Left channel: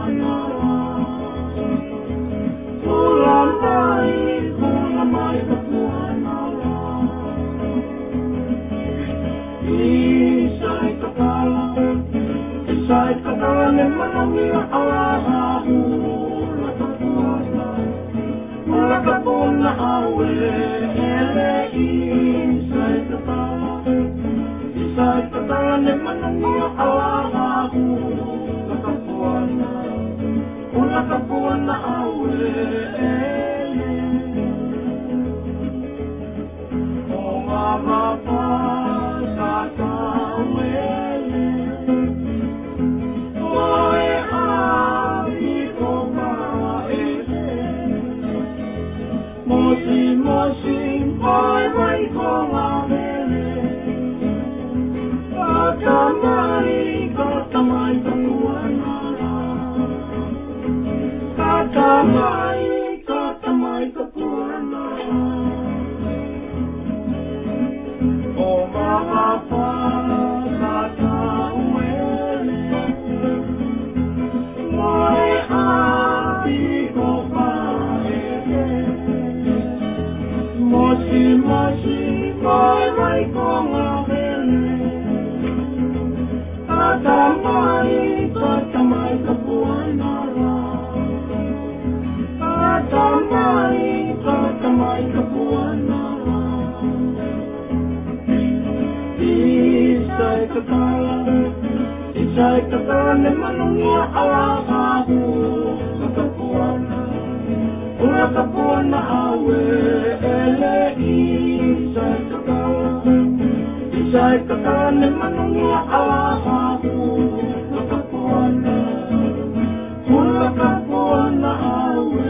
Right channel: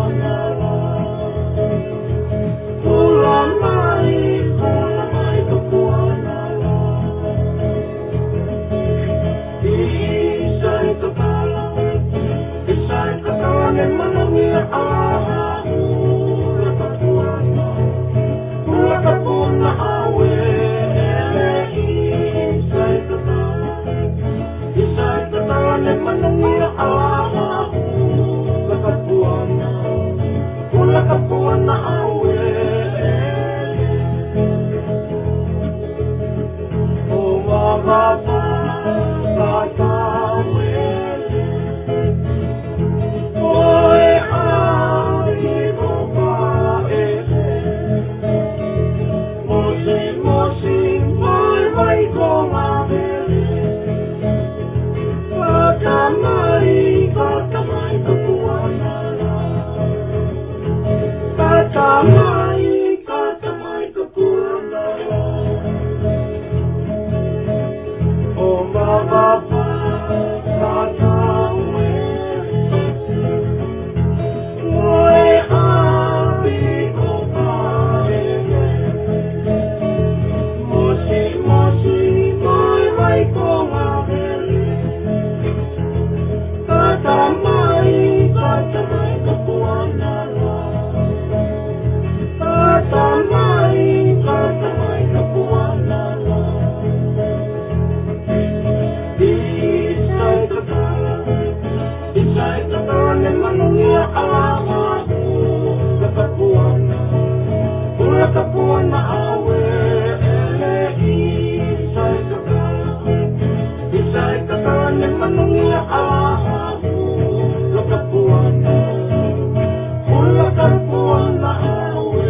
kapuana Hula mai kapuana Isai kakala ne manongia aha Hula kapuana awe Isai kakala ne manongia aha Hula kapuana awe O mawapa katawele Oe ahi opa Mosi mai konga vele Katamai kapuana Katamai kapuana O mawapa katawele Oe api kopae Mosi mai konga vele Katamai kapuana Katamai kapuana Isai kakala ne manungia alahahu Kakapuana Hula kapuana awe ele Isai kakala ne manungia alahahu Kakapuana Hula kapuana awe